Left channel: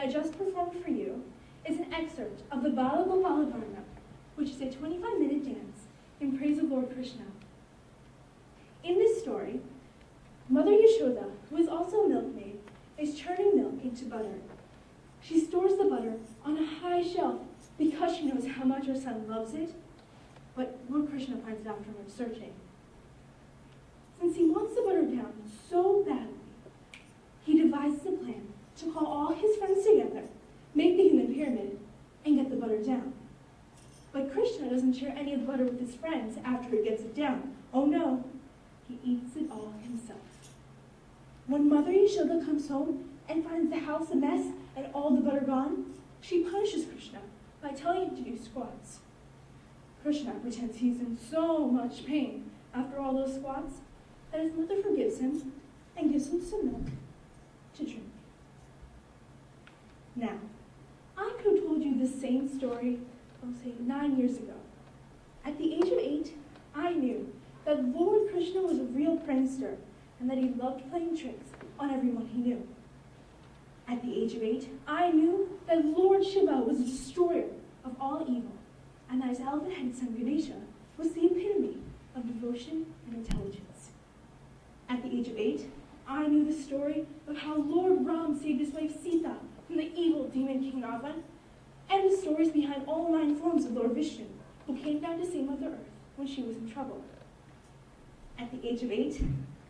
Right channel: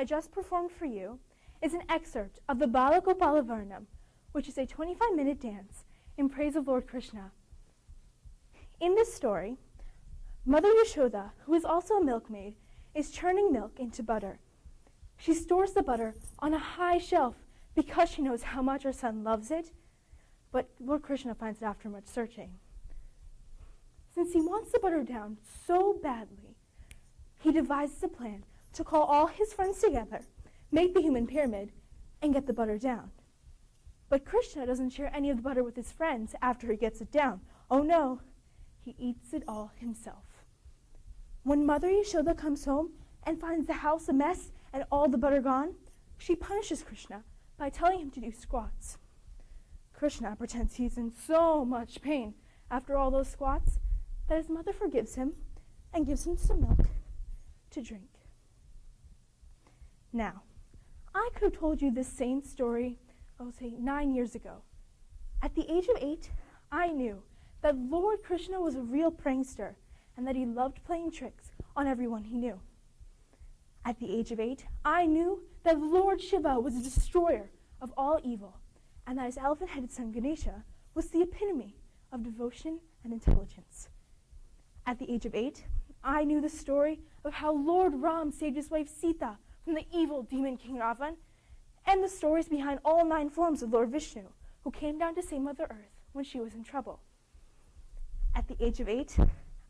I just performed for you is an excerpt of the Bala Gopala Varna, which is a 25-minute dance in praise of Lord Krishna. In this story, Mother Yashoda, who is also a milkmaid, is churning milk into butter. She stores the butter on a high shelf because she knows how much her son loves it, but Lord Krishna finds it after much searching. Since he wants the butter down so badly, he devises a plan to call all his friends together, make the human pyramid, and get the butter down. But Krishna doesn't share any of the butter with his friends after he gets it down. Oh no, he eats it all himself. When Mother Yashoda comes home and finds the house a mess and all the butter gone, she punishes Krishna by telling him to do squats. Krishna pretends he's in so much pain after all those squats that his mother forgives him and gives him some milk to drink. Now, I could have told you this same story, say 9 years ago. At the age of 8, I knew that Lord Krishna was a real prankster and that he loved playing tricks on everyone he knew. At the age of 8, I knew that Lord Shiva was the destroyer of all evil and that his elephant-headed son Ganesha was the epitome of devotion and intelligence. At the age of 8, I knew the story of how Lord Ram saved his wife Sita from the evil demon King Ravan, and the stories behind all 9 forms of Lord Vishnu, who came down to save Mother Earth when she was in trouble. At the age of 8,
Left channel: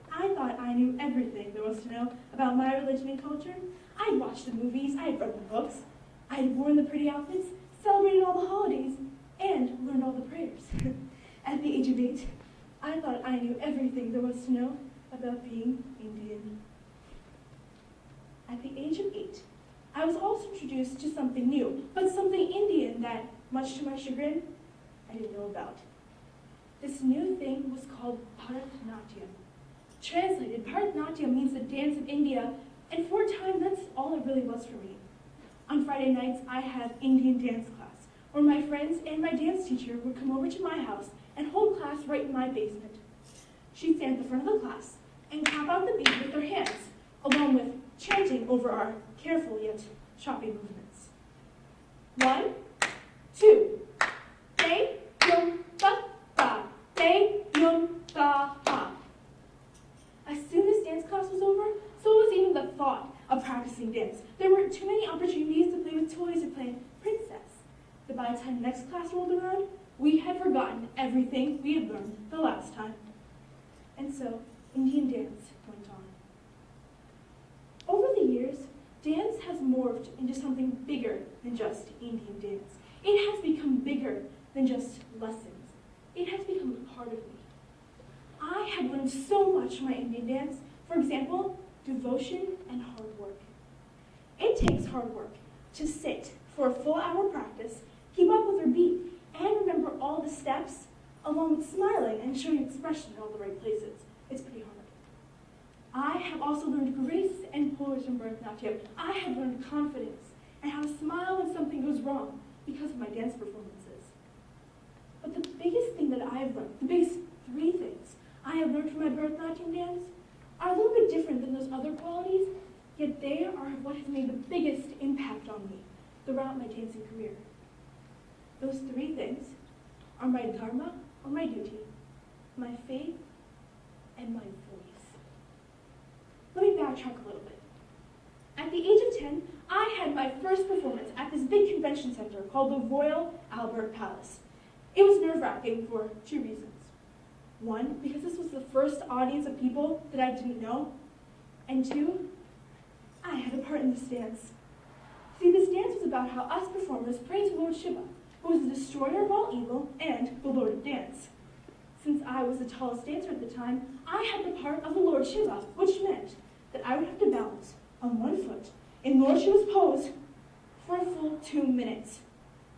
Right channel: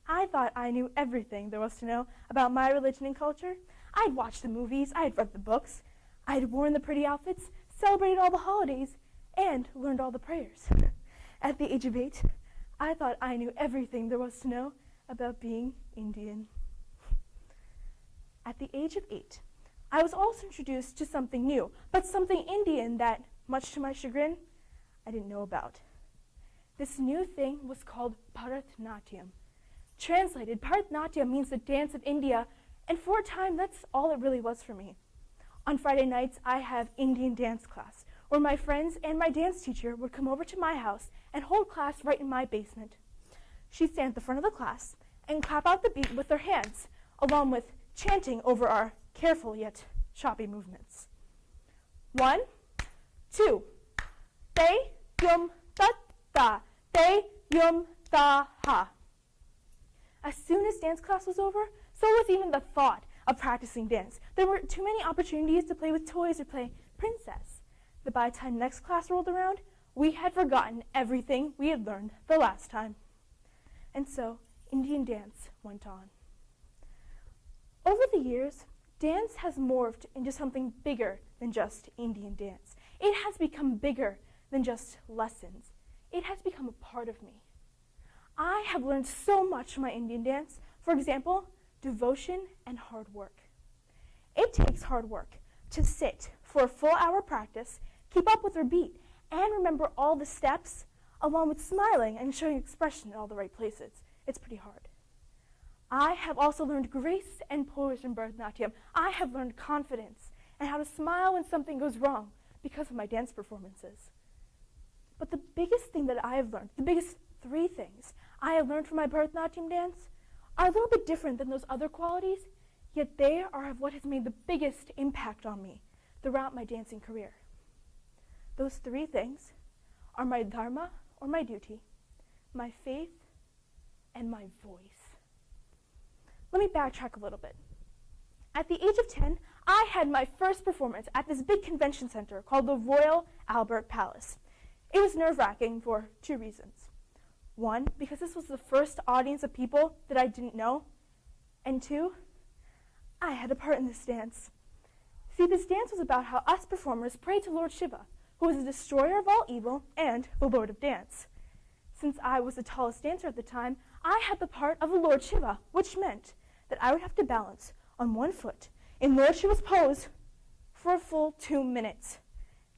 I thought I knew everything there was to know about my religion and culture. I'd watched the movies, I'd read the books, I'd worn the pretty outfits, celebrated all the holidays, and learned all the prayers. At the age of 8, I thought I knew everything there was to know about being Indian. At the age of 8, I was also introduced to something new, but something Indian that, much to my chagrin, I didn't know about. This new thing was called Bharatanatyam. Translated, Bharatanatyam means the dance of India, and for a time, that's all it really was for me. On Friday nights, I have Indian dance class, where my friends and my dance teacher would come over to my house and hold class right in my basement. She'd stand at the front of the class and clap out the beat with their hands, along with chanting over our careful yet choppy movements. 1, 2, te yum ta ta, te yum ta ha. As soon as dance class was over, so was even the thought of practicing dance. There were too many opportunities to play with toys and play princess, that by the time next class rolled around, we had forgotten everything we had learned the last time. And so, Indian dance went on. Over the years, dance has morphed into something bigger than just Indian dance. It has become bigger than just lessons. It has become a part of me. I have learned so much from my Indian dance. For example, devotion and hard work. It takes hard work to sit for a full hour practice, keep up with your beat, and remember all the steps, along with smiling and showing expression in all the right places. It's pretty hard. I have also learned grace and poise from Bharatanatyam. I have learned confidence and how to smile when something goes wrong because of my dance performances. But the biggest thing that I have learned, the biggest 3 things I have learned from my Bharatanatyam dance are a little bit different than those other qualities, yet they are what has made the biggest impact on me throughout my dancing career. Those 3 things are my dharma, or my duty, my faith, and my voice. Let me backtrack a little bit. At the age of 10, I had my first performance at this big convention center called the Royal Albert Palace. It was nerve-wracking for 2 reasons. 1, because this was the first audience of people that I didn't know, and 2, I had a part in this dance. See, this dance was about how us performers prayed to Lord Shiva, who was the destroyer of all evil and the Lord of Dance. Since I was the tallest dancer at the time, I had the part of the Lord Shiva, which meant that I would have to balance on 1 foot in Lord Shiva's pose for a full 2 minutes.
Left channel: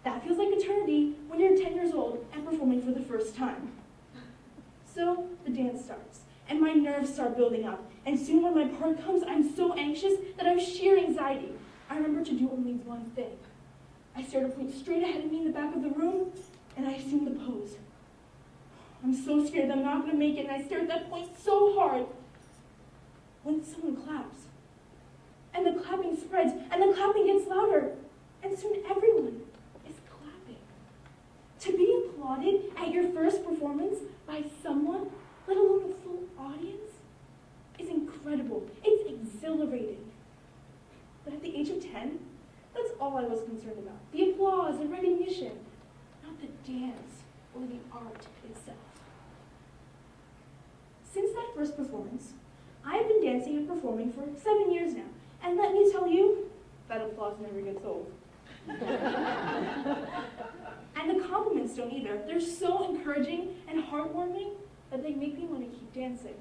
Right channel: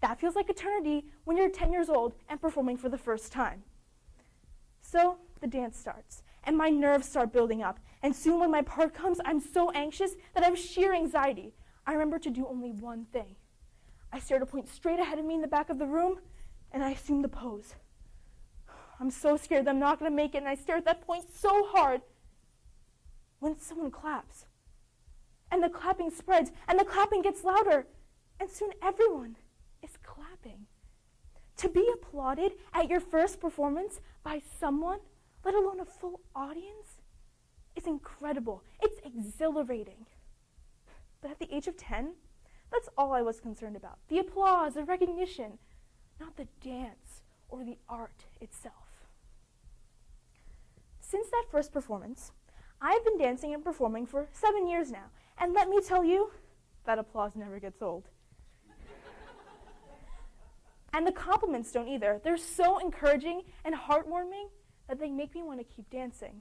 That feels like eternity when you're 10 years old and performing for the first time. So the dance starts, and my nerves start building up, and soon when my part comes, I'm so anxious that I have sheer anxiety. I remember to do only 1 thing. I stared a point straight ahead of me in the back of the room, and I assumed the pose. I'm so scared that I'm not going to make it, and I stared at that point so hard when someone claps. And the clap clapping spreads, and the clapping gets louder, and soon everyone is clapping. To be applauded at your first performance by someone, let alone a full audience, is incredible. It's exhilarating. But at the age of 10, that's all I was concerned about. The applause and recognition, not the dance or the art itself. Since that first performance, I've been dancing and performing for 7 years now. And let me tell you, that applause never gets old. And the compliments don't either. They're so encouraging and heartwarming that they make me want to keep dancing.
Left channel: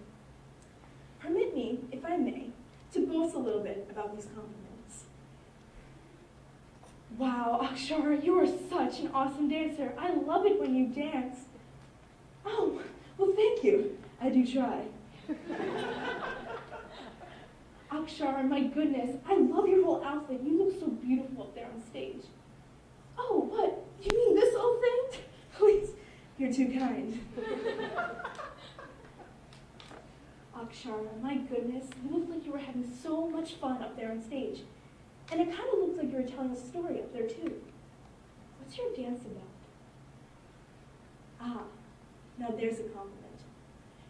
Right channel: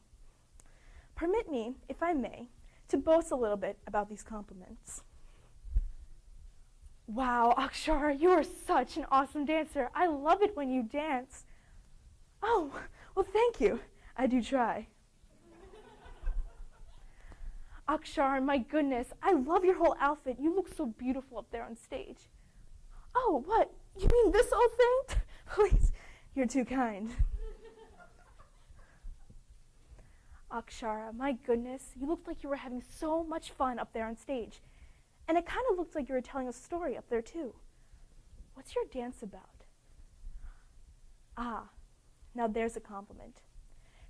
Permit me, if I may, to boast a little bit about these compliments. Wow, Akshara, you are such an awesome dancer. I love it when you dance. Oh, well, thank you. I do try. Akshara, my goodness, I love your whole outfit. You look so beautiful up there on stage. Oh, what? You mean this old thing? Please, you're too kind. Akshara, my goodness, you looked like you were having so much fun up there on stage. And it kind of looked like you were telling a story up there too. What's your dance about? Ah, now there's a compliment.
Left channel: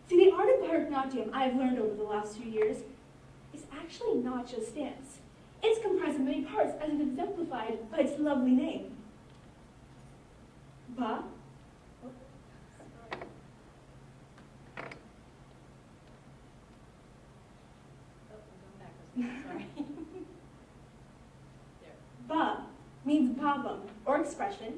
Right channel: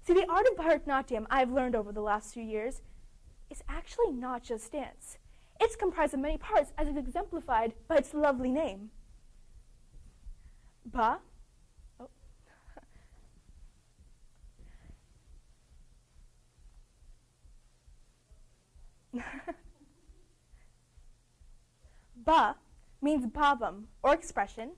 See, the art of Bharatanatyam I've learned over the last few years is actually not just dance. It's comprised of many parts, as is exemplified by its lovely name. Ba. Oh. Ba means bhavam, or expression.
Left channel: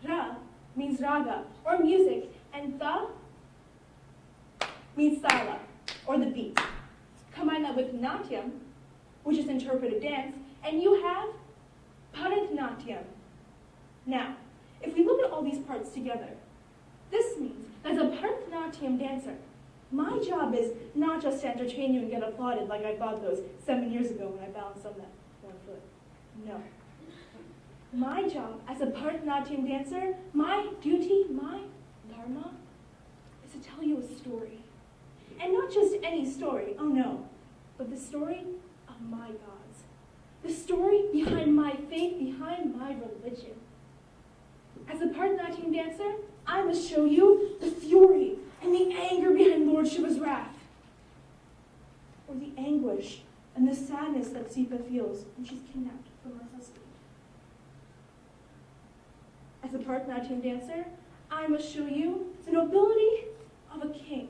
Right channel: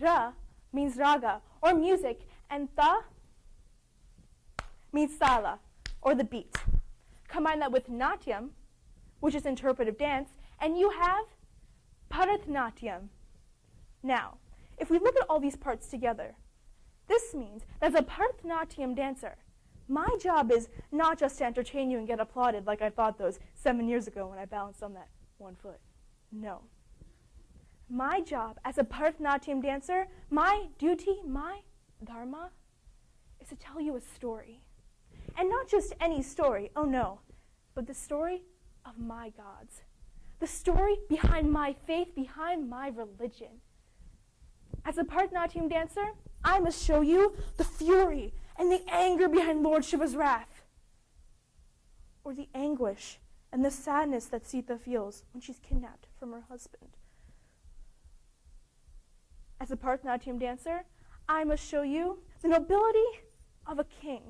Ra means raga, or music, and tha means sala, or the beat. Combine that with natyam, which is interpretive dance, and you have Bharatanatyam. Now, if we look at all these parts together, this means that as a Bharatanatyam dancer, my job is not just to entertain you and get applauded like I thought those 7 years ago when I balanced on that one foot. No. My job as a Bharatanatyam dancer, my duty, my dharma, is to tell you a story. And not just any story, oh no, but the story of my gods. The story behind my faith, behind my religion. As a Bharatanatyam dancer, I must show you the fury and the anger behind Lord Shiva's wrath, or the anguish and the sadness that Sita feels when she's kidnapped from her husband. As a Bharatanatyam dancer, I must show you the nobility of a king,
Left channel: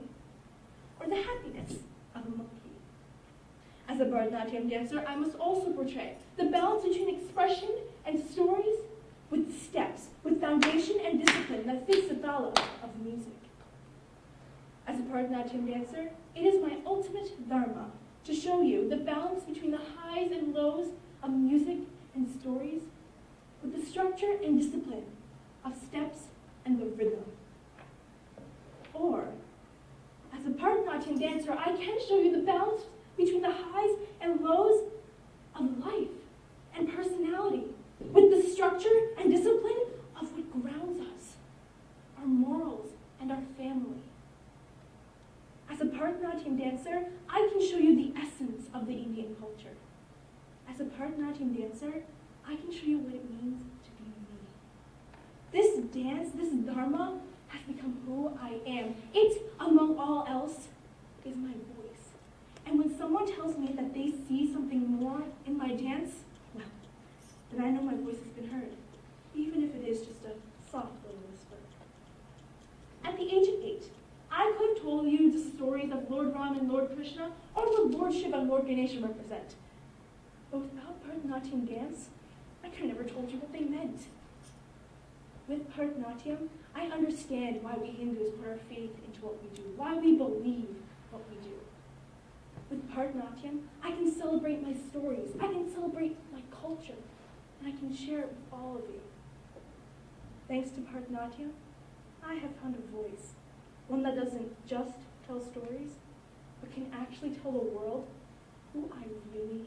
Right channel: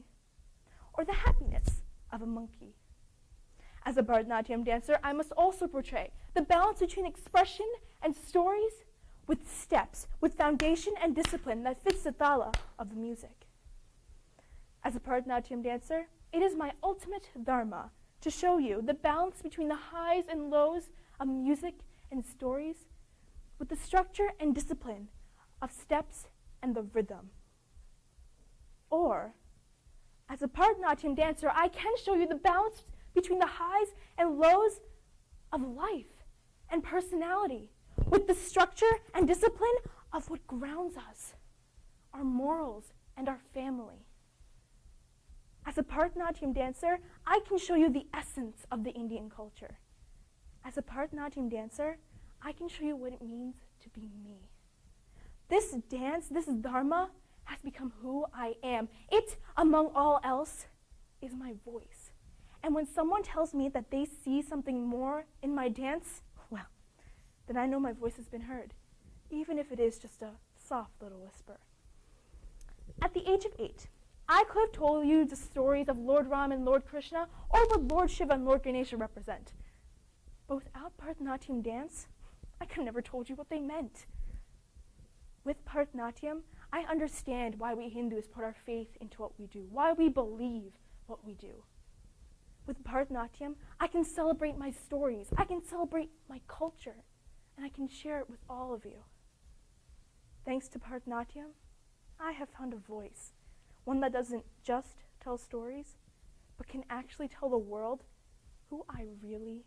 or the happiness of a monkey. As a Bharatanatyam dancer, I must also portray the balance between expression and stories with steps, with foundation and discipline that fits the thala of music. As a Bharatanatyam dancer, it is my ultimate dharma to show you the balance between the highs and lows of music and stories with the structure and discipline of steps and the rhythm. Or, as a Bharatanatyam dancer, I can show you the balance between the highs and lows of life and personality with the structure and discipline of what grounds us, our morals and our family. As a Bharatanatyam dancer, I can show you the essence of the Indian culture. As a Bharatanatyam dancer, I can show you what it means to be me. This dance, this dharma, has become who I am. It, among all else, is my voice. And when someone tells me that they see something more in my dance, well, then I know my voice has been heard, even if it is just a soft little whisper. At the age of 8, I could have told you the stories of Lord Ram and Lord Krishna, or what Lord Shiva and Lord Ganesha represent. But without Bharatanatyam dance, I could never told you what they meant. With Bharatanatyam, I understand why we Hindus put our faith into what we do, why we believe what we do. With Bharatanatyam, I can celebrate my stories, I can celebrate my culture, and I can share it with all of you. Thanks to Bharatanatyam, I have found a voice, one that doesn't just tell stories, but can actually tell the world who I really